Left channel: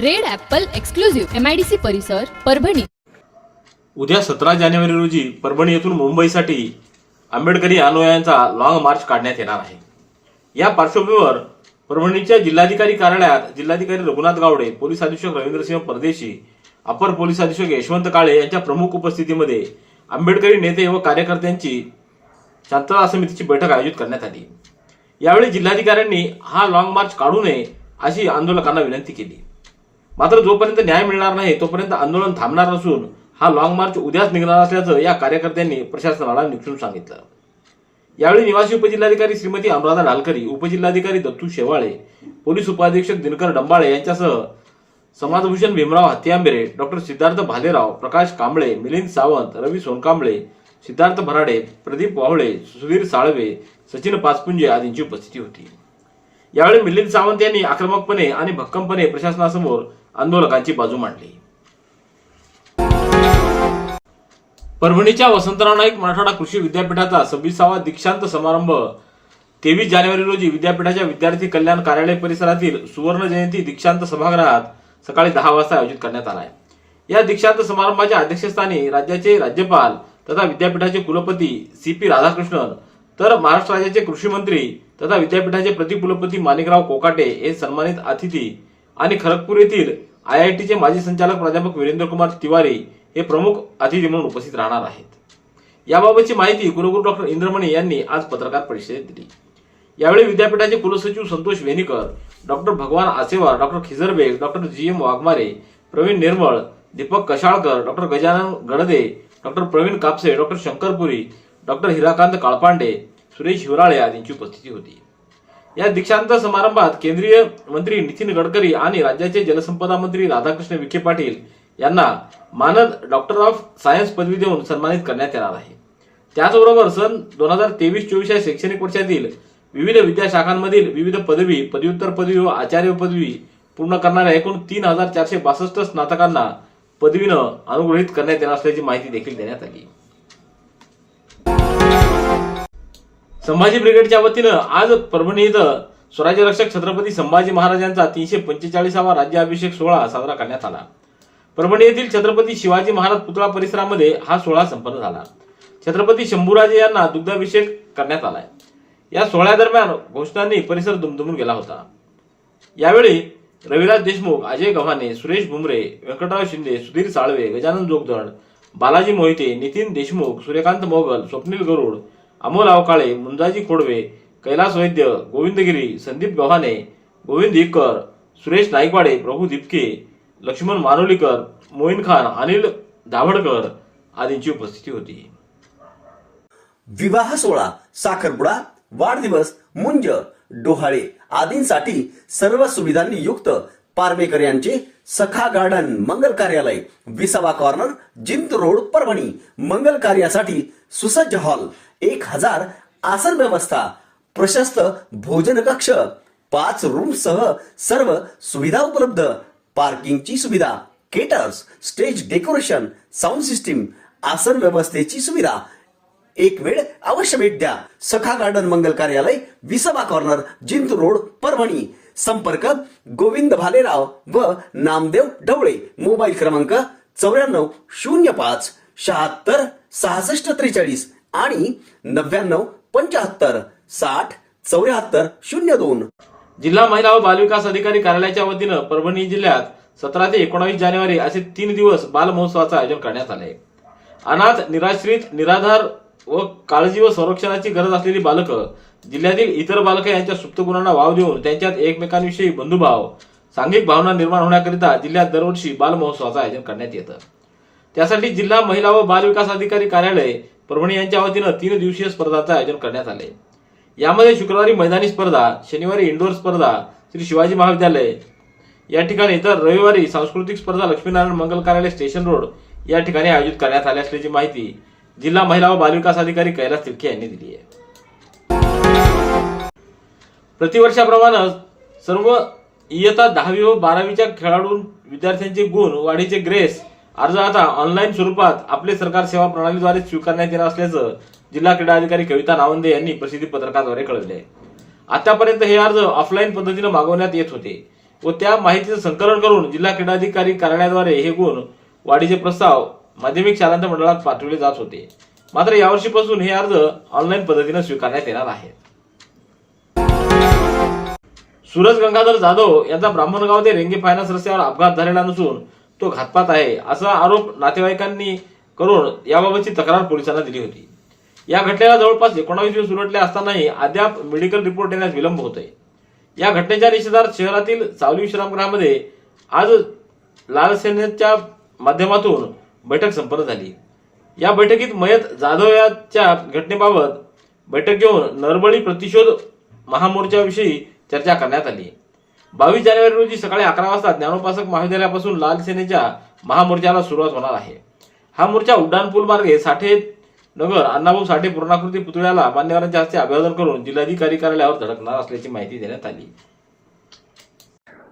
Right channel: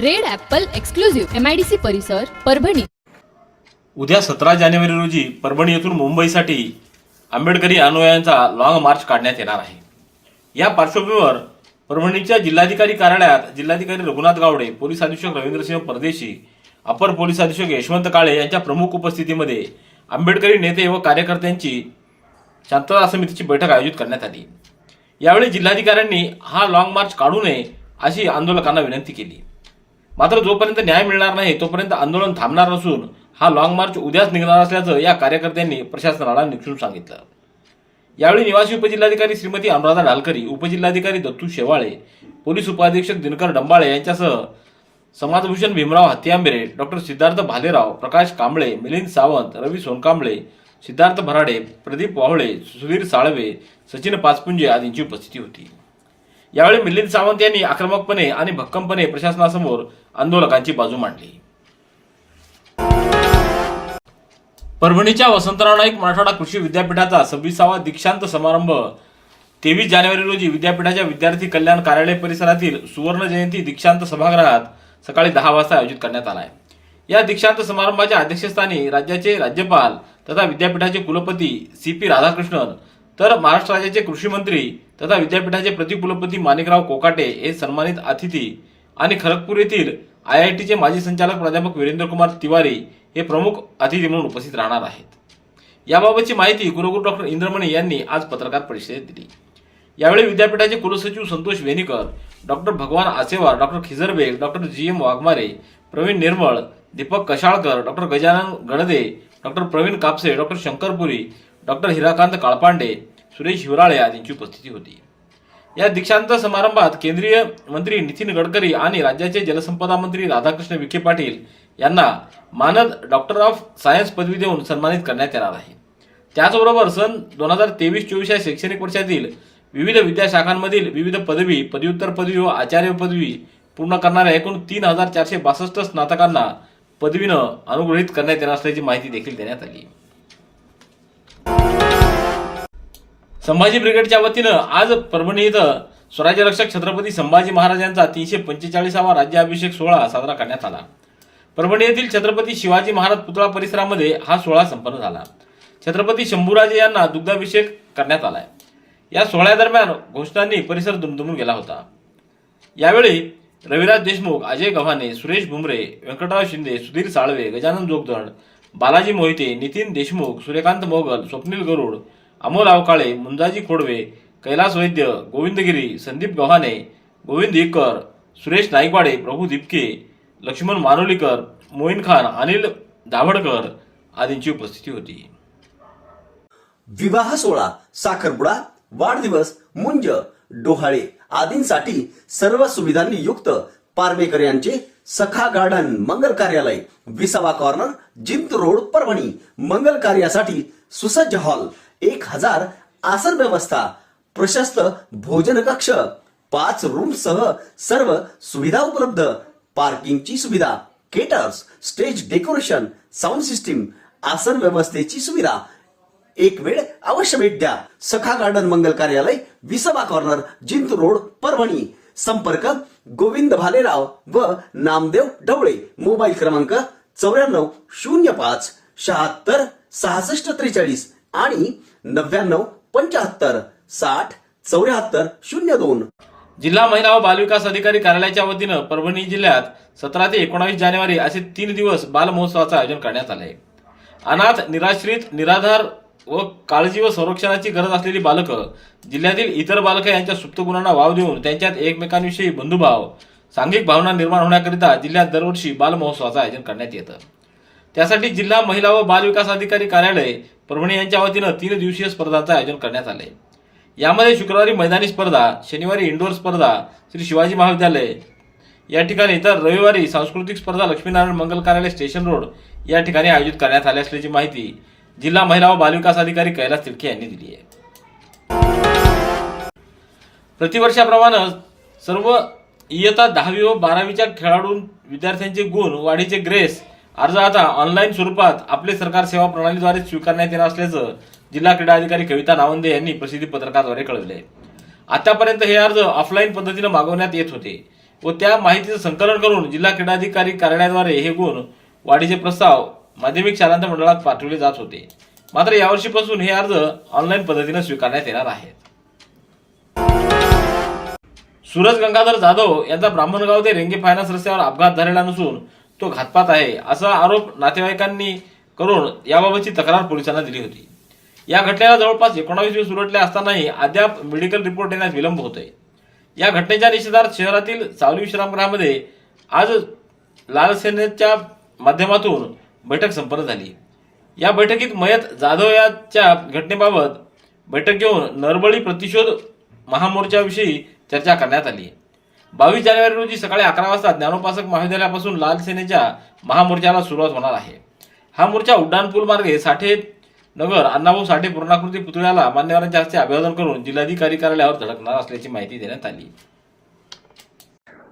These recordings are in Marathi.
Red apple exclusive MIDC परिसर परभणी. उद्या सतरा जानेवारी रोजी परभणी येथून मुंबईसाठी आंबेडकरी अनुयायांचा लॉंग मार्च काढण्यात येणार आहे. या पार्श्वभूमीवर परभणीच्या जिल्हाधिकारी कार्यालयात जिल्हाधिकारी रघुनाथ गावडे पोलीस अधीक्षक रवींद्रसिंह परदेशी अपर पोलीस अधीक्षक यशवंत काळे यांच्या प्रमुख उपस्थितीमध्ये आंबेडकरी नेते व कार्यकर्त्यांची शांतता समितीची बैठक आयोजित करण्यात आली. यावेळी जिल्हाधिकाऱ्यांनी हा लॉंग मार्च काढू नये अशी आंदोलकांना विनंती केली. मात्र जोपर्यंत न्याय मिळणार नाही तोपर्यंत आंदोलन थांबणार असून हा लॉंग मार्च उद्याच निघणार असल्याचं या कार्यकर्त्यांनी प्रशासनाला निक्षून सांगितलं. यावेळी निवासी उपजिल्हाधिकारी श्रीमती अनुराधा डालकरी उपजिल्हाधिकारी दत्तू शेवाळे पोलीस उपाधीक्षक दिनकर डंबाळे यांच्यासह समाजभूषण भीमराव हत्यांबेरे डॉक्टर सिद्धार्थ भालेराव प्रकाश कांबळे मिलिंद सावंत रवी सोनकांबळे सिद्धार्थ भराडे प्रदीप वावळे सुधीर साळवे सचिन पाचपुंजे आदींची उपस्थिती होती. यावेळी मिलिंद सावंत यांनी आक्रमकपणे आणि भक्कमपणे प्रशासनासमोर आंदोलकांची बाजू मांडली. परभणीच्या वसंतराव नाईक मराठवाडा कृषी विद्यापीठाचा सव्वीसावा दीक्षांत समारंभ तेवीस जानेवारी रोजी विद्यापीठाच्या विद्यार्थी कल्याण कार्यालय परिसरातील सुवर्ण जयंती दीक्षांत सभागृहात सकाळी दहा वाजता आयोजित करण्यात आला आहे या दीक्षांत समारंभाच्या अध्यक्षस्थानी राज्याचे राज्यपाल तथा विद्यापीठाचे कुलपती सी पी राधाकृष्णन तर महाराष्ट्र राज्याचे कृषी मंत्री तथा विद्यापीठाचे प्रतिकुलपती माणिकराव कोकाटे हे सन्मानित अतिथी आणि खरगपूर येथील आय आय टीचे माजी संचालक प्राध्यापक वीरेंद्र कुमार तिवारी हे प्रमुख अतिथी म्हणून उपस्थित राहणार आहेत. याबाबतची माहिती कुलगुरू डॉक्टर इंद्रमणी यांनी आज पत्रकार परिषदेत दिली. यावेळी विद्यापीठाचे कुलसचिव Santosh Venikar doctor Bhagwan Asewar doctor Khizarbeg doctor G M Waghmare Pravin Nirmal Deepak Kashalkar doctor Gajanan Gadade doctor Pravin Kapse doctor Shankarpuri doctor Hirakant Kalpande Suresh Hivrale आदींची उपस्थिती होती. या दीक्षांत समारंभात केंद्रीय मंत्री नितीन गडकरी आणि राज्याचे जलसंपदा मंत्री राधाकृष्ण विखे पाटील यांना मानद डॉक्टर ऑफ सायन्स पदवी देऊन सन्मानित करण्यात येणार आहे. त्याचबरोबर सन दोन हजार तेवीस चोवीस या शैक्षणिक वर्षातील विविध विद्याशाखांमधील विविध पदवी पदव्युत्तर पदवी व आचार्य पदवी पूर्ण करणाऱ्या एकूण तीन हजार चारशे बासष्ट स्नातकांना पदवीनं अनुग्रहित करण्यात येणार असल्याची माहिती देखील देण्यात आली. संभाजी ब्रिगेडच्या वतीनं आज परभणी इथं स्वराज्य रक्षक छत्रपती संभाजी महाराजांचा तीनशे पंचेचाळीसावा राज्याभिषेक सोहळा साजरा करण्यात आला. परभणी येथील छत्रपती शिवाजी महाराज पुतळा परिसरामध्ये हा सोहळा संपन्न झाला. छत्रपती शंभूराजे यांना दुग्धाभिषेक करण्यात आलाय. या सोहळ्यादरम्यान घोषणांनी परिसर दुमदुमून गेला होता. यावेळी रविराज देशमुख अजय गव्हाणे सुरेश भुमरे व्यंकटराव शिंदे सुधीर साळवे गजानन जोगदंड बालाजी मोहिते नितीन देशमुख सूर्यकांत मोगल स्वप्नील गरुड अमोल आवकाळे मुंजाजी खोडवे कैलास वैद्य गोविंदगिरी संदीप गव्हाणे गोविंद इकर सुरेश नाईकवाडे प्रभू दिपके लक्ष्मण मानोलीकर मोईन खान अनिल दाभडकर आदींची उपस्थिती होती विवाह सोहळा साखरपुडा वाढदिवस मुंज डोहाळे आदींसाठी सर्व सुविधांनी युक्त पारवेकर यांचे सखा गार्डन मंगल कार्यालय विसावा कॉर्नर जिंत रोड परभणी. मंगल कार्यासाठी सुसज्ज हॉल एक हजार आसन व्यवस्था प्रशस्त भोजन कक्ष पाच रूम सह सर्व सुविधा उपलब्ध. पार्किंगची सुविधा caterers stage decoration sound system आसन व्यवस्थेची सुविधा. एक वेळ अवश्य भेट द्या. सखा गार्डन मंगल कार्यालय विसभा कॉर्नर जिंत रोड परभणी. संपर्क गोविंद भालेराव व नामदेव ढवळे. मोबाईल क्रमांक चौऱ्याण्णव शून्य पाच शहात्तर सहासष्ट त्रेचाळीस आणि नव्याण्णव पंच्याहत्तर साठ चौऱ्याहत्तर शून्य दोन. जिल्हा महिला व बालविकास अधिकारी कार्यालयाच्या वतीनं परभणी जिल्ह्यात सतरा ते एकोणावीस जानेवारी असे तीन दिवस बालमहोत्सवाचं आयोजन करण्यात आले अनाथ निराश्रित निराधार व काळजी व संरक्षणाची गरज असलेली बालकं जिल्ह्यातील इतर बालकं यांच्या सुप्त गुणांना वाव देऊन त्यांच्यात एकमेकांविषयी बंधुभाव सांघिक भावना निर्माण होण्याकरिता जिल्ह्यात दरवर्षी बालमहोत्सवाचं आयोजन करण्यात येतं. त्यासाठी जिल्हा महिला व बाल विकास अधिकारी कार्यालय परभणी यांच्या वतीनं तीन दिवसीय स्पर्धांचं आयोजन करण्यात आले यामध्ये शुक्रवारी मैदानी स्पर्धा शनिवारी इंडोर स्पर्धा श्री शिवाजी महाविद्यालय या ठिकाणी तर रविवारी सांस्कृतिक स्पर्धा लक्ष्मीनारायण मंगल कार्यालय स्टेशन रोड या ठिकाणी आयोजित करण्यात आले असल्याची माहिती जिल्हा महिला व बालविकास अधिकारी कैलास तिडके यांनी दिली आहे. प्रतिवर्षाप्रमाणे सर्व इयत्ता दहावी व बारावीच्या खेळाडू विद्यार्थ्यांचे गुण वाढीचे ग्रेस अर्ज आता ऑनलाईन स्वरूपात आपले सरकार सेवा प्रणालीद्वारे स्वीकारण्यात येणार असल्याचं जिल्हा क्रीडा अधिकारी कविता नावंदे यांनी प्रसिद्धी पत्रकाद्वारे कळवले आहे. आतापर्यंत हे अर्ज ऑफलाईन पद्धतीने मागवण्यात येत होते व त्या माहितीचं संकलन करून जिल्हा क्रीडा अधिकारी कार्यालयाद्वारे हे गुण वाढीचे प्रस्ताव माध्यमिक शालांत मंडळात पाठवले जात होते. मात्र यावर्षीपासून हे अर्ज ऑनलाईन पद्धतीने स्वीकारण्यात येणार आहेत. सूरज गंगाधर जाधव यांचा ब्राह्मणगाव ते रेंगे फायनान्स रस्त्यावर अपघात झालेला नसून तो घातपात आहे असा आरोप नातेवाईकांनी करून याबाबतची तक्रार पोलिसांना दिली होती. या घटनेला जवळपास एकोणावीस दिवस उलटले असतानाही अद्याप मेडिकल रिपोर्ट येण्यास विलंब होतोय. या घटनेच्या निषेधार्थ शहरातील सावली विश्रामगृहामध्ये आज लाल सेनेच्या माध्यमातून बैठक संपन्न झाली. या बैठकीत मयत जाधव याच्या घटनेबाबत बैठक घेऊन नरबळी प्रतिशोध महामोर्चाविषयी चर्चा करण्यात आली. बावीस जानेवारी रोजी सकाळी अकरा वाजता ज्ञानोपासक महाविद्यालयापासून लाल सेनेच्या महामोर्चाला सुरुवात होणार आहे. हा मोर्चा उड्डाणपूल मार्गे साठे नगर अण्णाभाऊ साठे पूर्णाकृती पुतळ्याला मान्यवरांच्या हस्ते अभिवादन करून जिल्हाधिकारी कार्यालयावर धडकणार असल्याची माहिती देण्यात आली.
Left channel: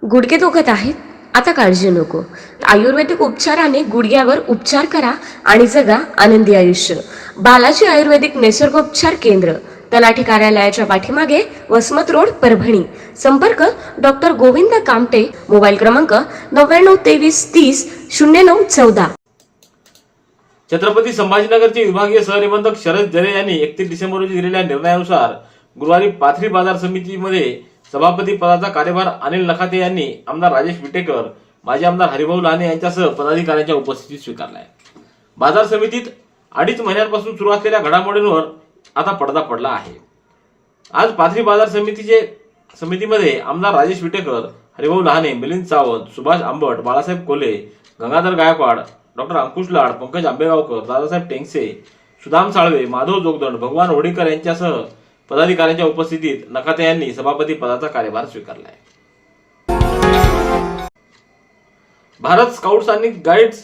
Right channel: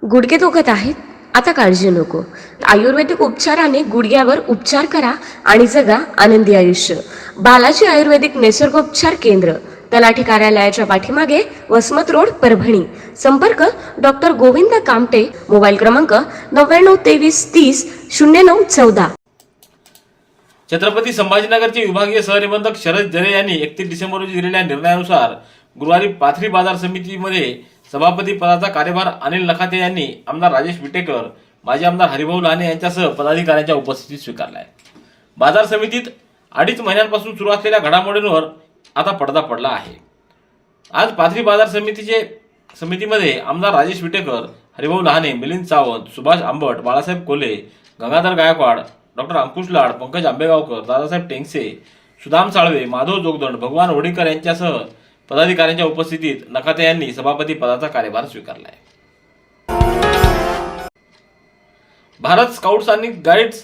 गुडघे दुखत आहेत? आता काळजी नको. आयुर्वेदिक उपचाराने गुडघ्यावर उपचार करा आणि जगा आनंदी आयुष्य. बालाजी आयुर्वेदिक निसर्गोपचार केंद्र तलाठी कार्यालयाच्या पाठीमागे वसमत रोड परभणी. संपर्क डॉक्टर गोविंद कामटे मोबाईल क्रमांक नव्याण्णव तेवीस तीस शून्य नऊ चौदा. छत्रपती संभाजीनगरचे विभागीय सहनिबंधक शरद जरे यांनी एकतीस डिसेंबर रोजी दिलेल्या निर्णयानुसार गुरुवारी पाथरी बाजार समितीमध्ये सभापती पदाचा कार्यभार अनिल नखाते यांनी आमदार राजेश विटेकर माजी आमदार हरिभाऊ लाने यांच्यासह पदाधिकाऱ्यांच्या उपस्थितीत आहे बाजार समितीत अडीच महिन्यांपासून सुरू असलेल्या घडामोडींवर आता पडदा पडला आहे. आज पाथरी बाजार समितीचे समितीमध्ये आमदार राजेश विटेकर हरिभाऊ लहाने मिलिंद सावंत सुभाष आंबट बाळासाहेब कोले गंगाधर गायकवाड डॉक्टर अंकुश लाड पंकज आंबेगावकर दादासाहेब टेंगसे सुदाम साळवे माधव जोगदंड भगवान होडीकर यांच्यासह पदाधिकाऱ्यांच्या उपस्थितीत नकाते यांनी सभापती पदाचा कार्यभार स्वीकारला आहे भारत स्काउट्स आणि गाईड्स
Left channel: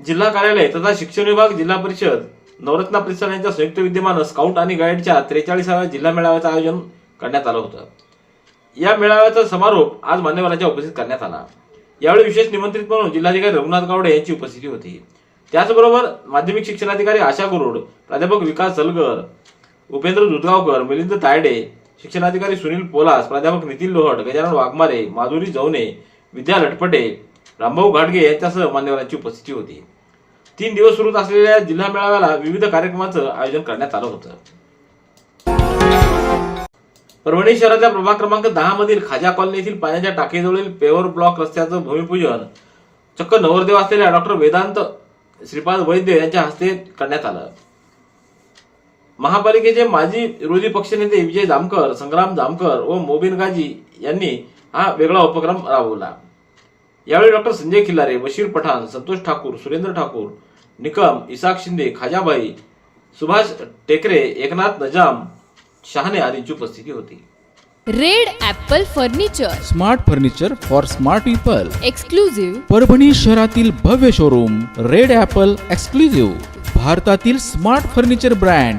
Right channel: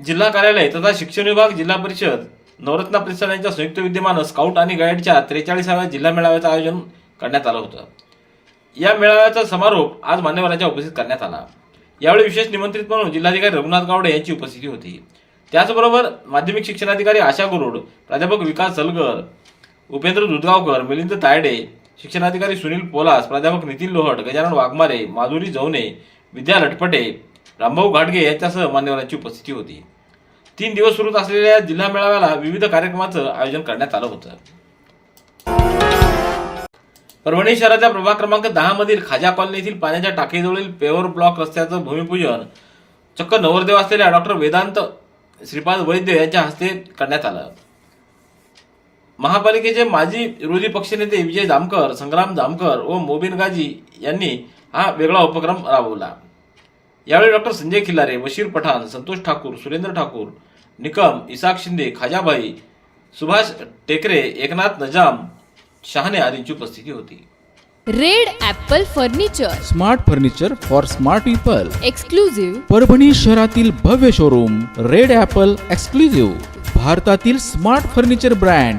जिल्हा कार्यालय तथा शिक्षण विभाग जिल्हा परिषद नवरत्न परिसर यांच्या संयुक्त विद्यमानं स्काउट आणि गाईडच्या त्रेचाळीसाव्या जिल्हा मेळाव्याचं आयोजन करण्यात आलं होतं. या मेळाव्याचा समारोप आज मान्यवरांच्या उपस्थित करण्यात आला. यावेळी विशेष निमंत्रित म्हणून जिल्हाधिकारी रघुनाथ गावडे यांची उपस्थिती होती. त्याचबरोबर माध्यमिक शिक्षणाधिकारी आशा गुरुड प्राध्यापक विकास सलगर उपेंद्र दुधगावकर मिलिंद तायडे शिक्षणाधिकारी सुनील पोलास प्राध्यापक नितीन लोहट गजानन वाघमारे माधुरी जवने विद्या लटपटे रामभाऊ घाटगे यांच्यासह मान्यवरांची उपस्थिती होती. तीन दिवस सुरू असलेल्या जिल्हा मेळाव्याला विविध कार्यक्रमाचं आयोजन करण्यात आलं होतं. परभणी शहराच्या प्रभाग क्रमांक दहा मधील खाजा कॉलनी येथील पाण्याच्या टाकीजवळील पेवर ब्लॉक रस्त्याचं भूमिपूजन चक्क नवरदेव असलेल्या डॉक्टर वेदांत श्रीपाद वैद्य यांच्या हस्ते करण्यात आलं. महापालिकेचे माजी विरोधी पक्षनेते विजय जामकर संग्राम जामकर व मोबिन गाजी यांनी हा वेगळा उपक्रम राबवला. यावेळी डॉक्टर संजय खिल्लारे बशीर पठाण संतोष ठाकूर सुरेंद्र ठाकूर निकम इसाक शिंदे खाजाबाई सुभाष टेकरे एकनाथ नजाम शहाणे आदींची उपस्थिती होती. Red apple furniture. Smart furniture for smart people. Exclusive Parbhani शहरातील भव्य शोरूम रेड ॲपल एक्सक्लुझिव्ह भारतातील smart furniture brand.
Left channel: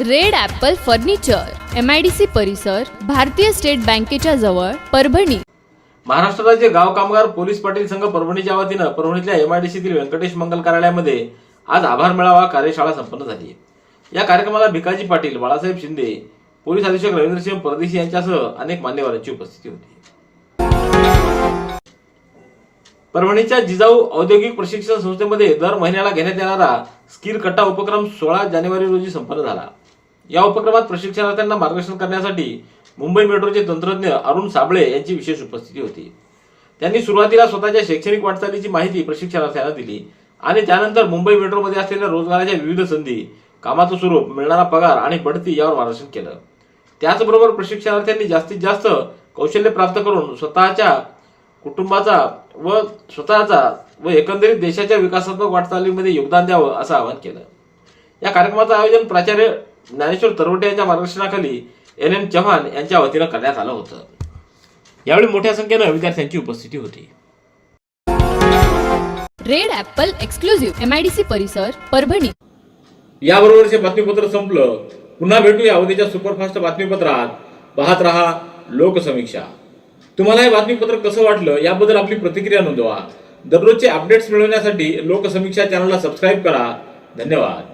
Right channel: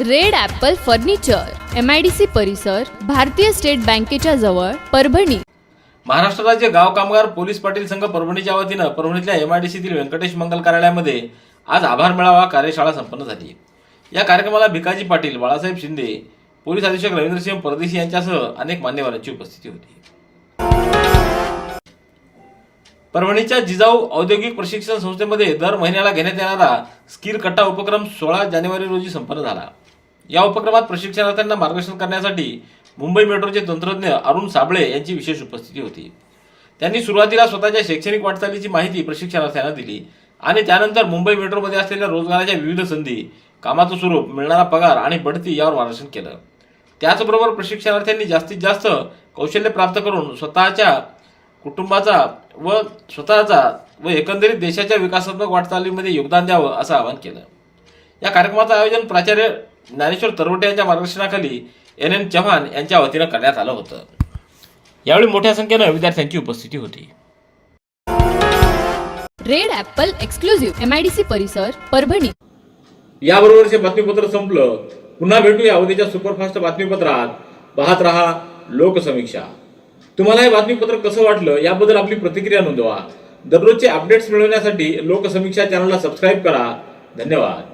Red apple furniture M I D C परिसर भारतीय स्टेट बँकेच्या जवळ परभणी. महाराष्ट्र राज्य गाव कामगार पोलीस पाटील संघ परभणीच्या वतीनं परभणीतल्या एम आय डी सीतील व्यंकटेश मंगल कार्यालयामध्ये आज आभार मेळावा कार्यशाळा संपन्न झाली. या कार्यक्रमाला भिकाजी पाटील बाळासाहेब शिंदे पोलीस अधीक्षक रवींद्रसिंह परदेशी यांच्यासह अनेक मान्यवरांची उपस्थिती होती. परभणीच्या जिजाऊ औद्योगिक प्रशिक्षण संस्थेमध्ये दर महिन्याला घेण्यात येणारा स्किल कट्टा उपक्रम सोळा जानेवारी रोजी संपन्न झाला. या उपक्रमात प्रशिक्षणार्थ्यांना मार्गदर्शन करण्यासाठी मुंबई मेट्रोचे तंत्रज्ञ अरुण साबळे यांची विशेष उपस्थिती होती. त्यांनी सुरुवातीला स्वतःच्या शैक्षणिक वाटचालीची माहिती प्रशिक्षणार्थ्यांना दिली आणि त्यानंतर मुंबई मेट्रोमध्ये असलेल्या रोजगाराच्या विविध संधी कामाचं स्वरूप मिळणारा पगार आणि बढती यावर मार्गदर्शन केलं. त्याचबरोबर प्रशिक्षणार्थ्यांनी जास्तीत जास्त कौशल्य प्राप्त करून स्वतःच्या कुटुंबाचा व स्वतःचा व एकंदरीत देशाच्या विकासात्मक वाटचालीमध्ये योगदान द्यावं असं आवाहन केलं. या कार्यक्रमाचं आयोजन प्राचार्य ज्ञानेश्वर तरवटे यांच्या मार्गदर्शनाखाली एन एन चव्हाण यांच्या वतीनं करण्यात आलं होतं. यावेळी मोठ्या संख्येनं विद्यार्थ्यांची उपस्थिती होती. Red apple exclusive M I D C परिसर परभणी. याबरोबरचे बातमीपत्र संपलं. पुन्हा भेटूया उद्याच्या सुपरफास्ट बातमीपत्रात. पाहत रहा लोकसमीक्षा. तुम्हाला हे बातमीपत्र कसं वाटलं याबद्दल आपली प्रतिक्रिया नोंदवा. दररोजचे अपडेट्स मिळवण्यासाठी लोकसमीक्षा चॅनलला सबस्क्राईब करा. धन्यवाद.